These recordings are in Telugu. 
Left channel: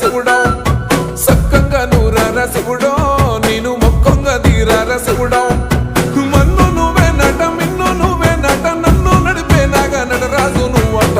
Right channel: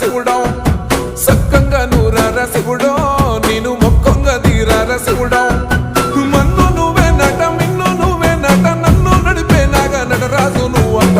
శివుడో సక్కంగా నూరార శివుడో నేను మొక్కంగా దీరార శివుడో మన్ను నువ్వే నట మిన్ను నువ్వే నట నన్ను నడిపే నాగా నటరాజు నువ్వంట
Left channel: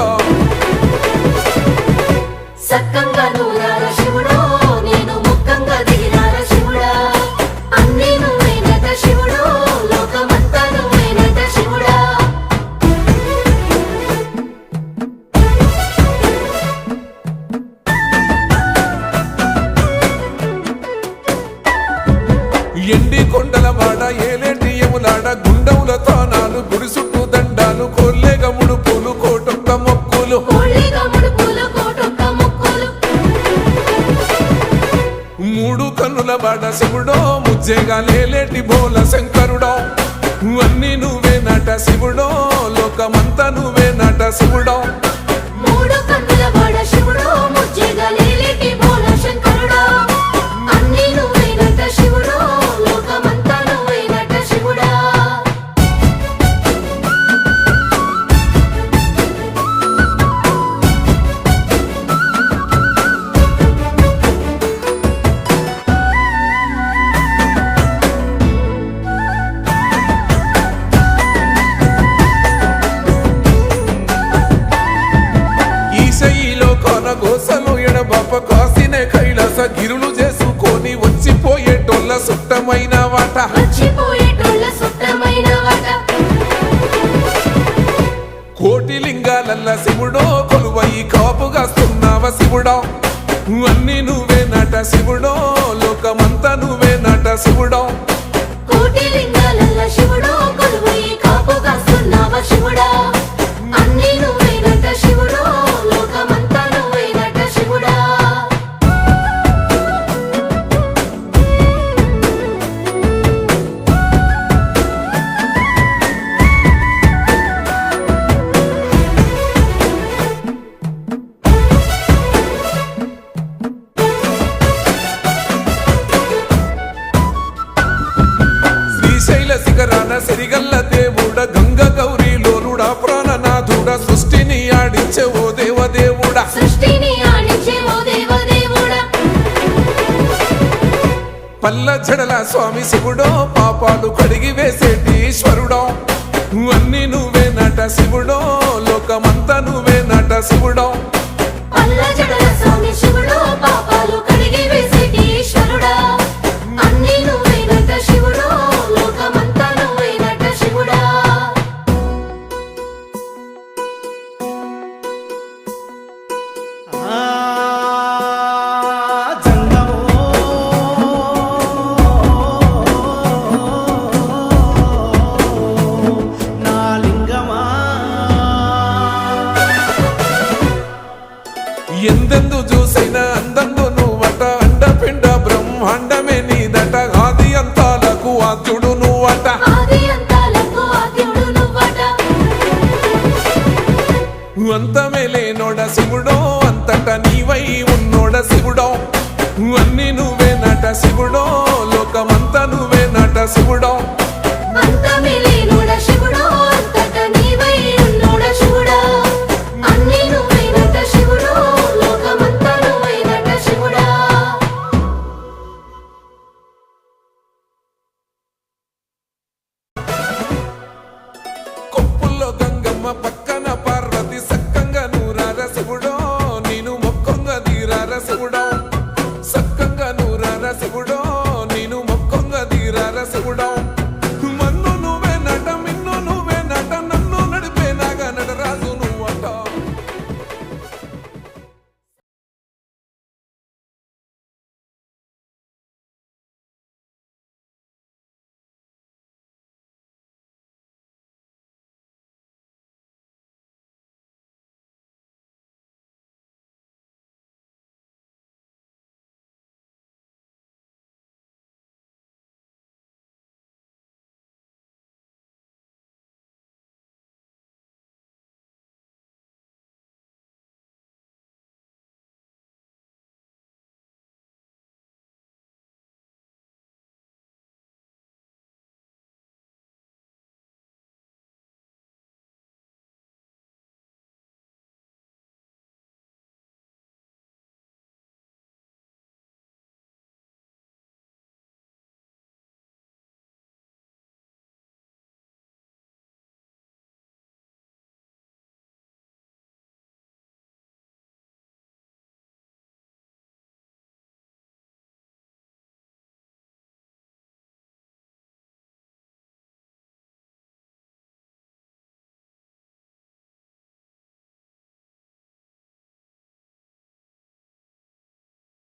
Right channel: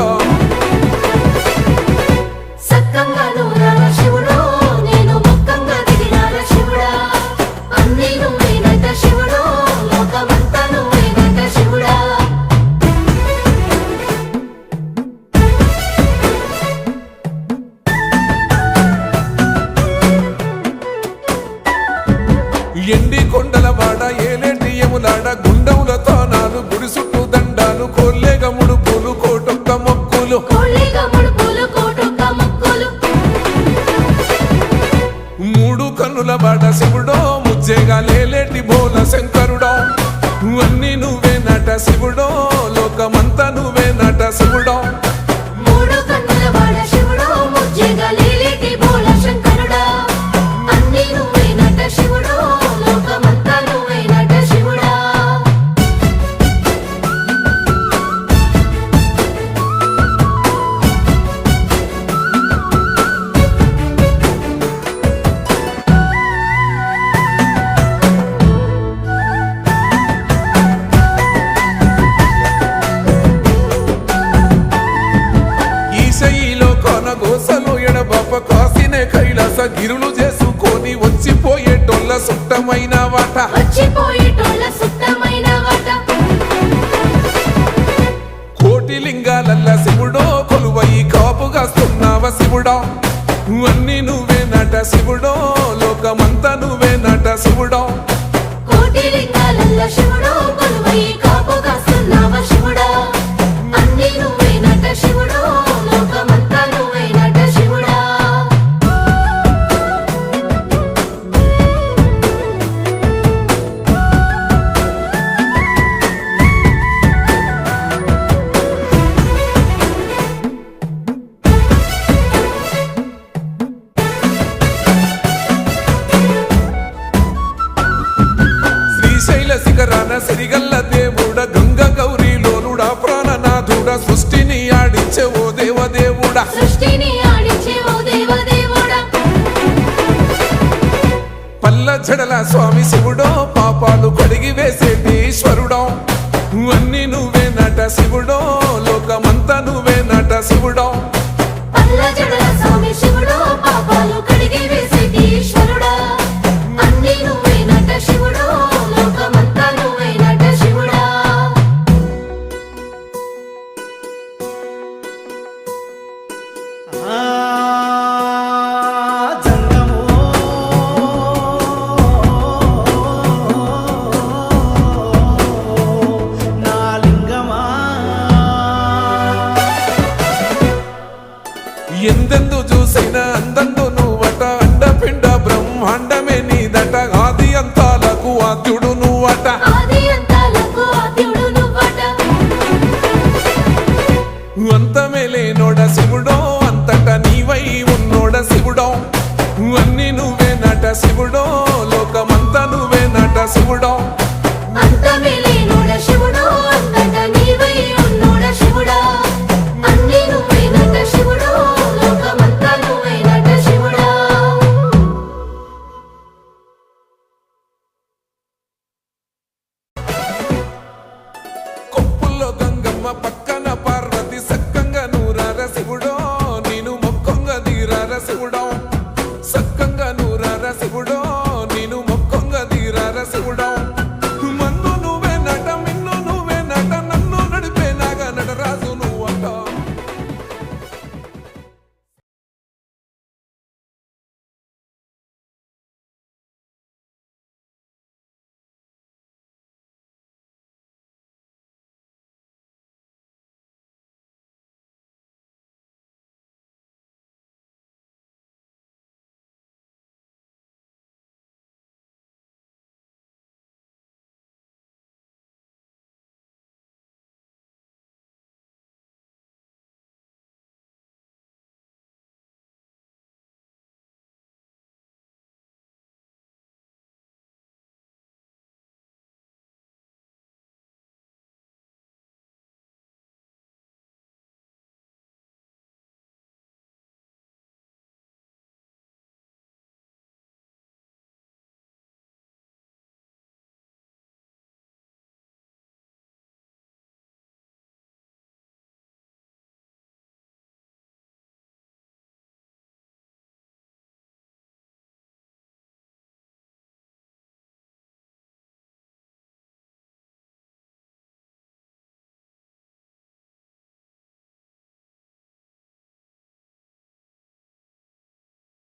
ఎండి కొండలవాడ ఏలేటి యములాడ గుండముల తానాలు గుడి చుట్టూ దండాలు కొల్లేగ ముడుపులు కోటొక్క మొక్కులు మూడు కన్నుల బాట శివుడో ముజ్జేగా లేలేటి బోల శంకరుడో అన్ని నువ్వే నట శివుడో లోకమంతా నువ్వే నట శివుడో ఈశయిలో కొనగోసలు ఎడబాప కాసినే కైలాస గిరులు చేసుకొని వచ్చిపోయేటోళ్ళ సుట్టమైన వాట కోటి లింగాలల్ల శివుడో కొలువయి కాపుగాస్తున్నావ శివుడో అన్ని నువ్వే నట శివుడో లోకమంతా నువ్వే నట శివుడో శ్రీశైల శిఖరాన సిరిగల్ల దేవుడ గంగ గౌరీ లోలుడా ప్రాణనాథుడా సృష్టిని ఆడించే ఓ దేవదేవుడా పల్ల జడల స్వామి శివుడో పాపాలు కడిగి వేసేటి ఈశ్వరుడో అన్ని నువ్వే నట శివుడో లోకమంతా నువ్వే నట శివుడో ఎందెందు చూసైనా అందందు నువ్వట అండపిండ బ్రహ్మాండమే నీదట ఆది అంతాలకు ఆద్యుడు నువ్వట అంతమే లేనోడ శివుడో అంతట నీవై ఉన్నోడ శివుడో అన్ని నువ్వే నట శివుడో లోకమంతా నువ్వే నట శివుడో కొప్పుల్లో గంగమ్మ పక్కన పార్వతి సక్కంగా నూరార శివుడో నేను మొక్కంగా దీరార శివుడో సక్కంగా నూరార శివుడో నేను మొక్కంగా దీరార శివుడో మన్ను నువ్వే నట మిన్ను నువ్వే నట నన్ను నడిపే నాగా నటరాజు నువ్వంట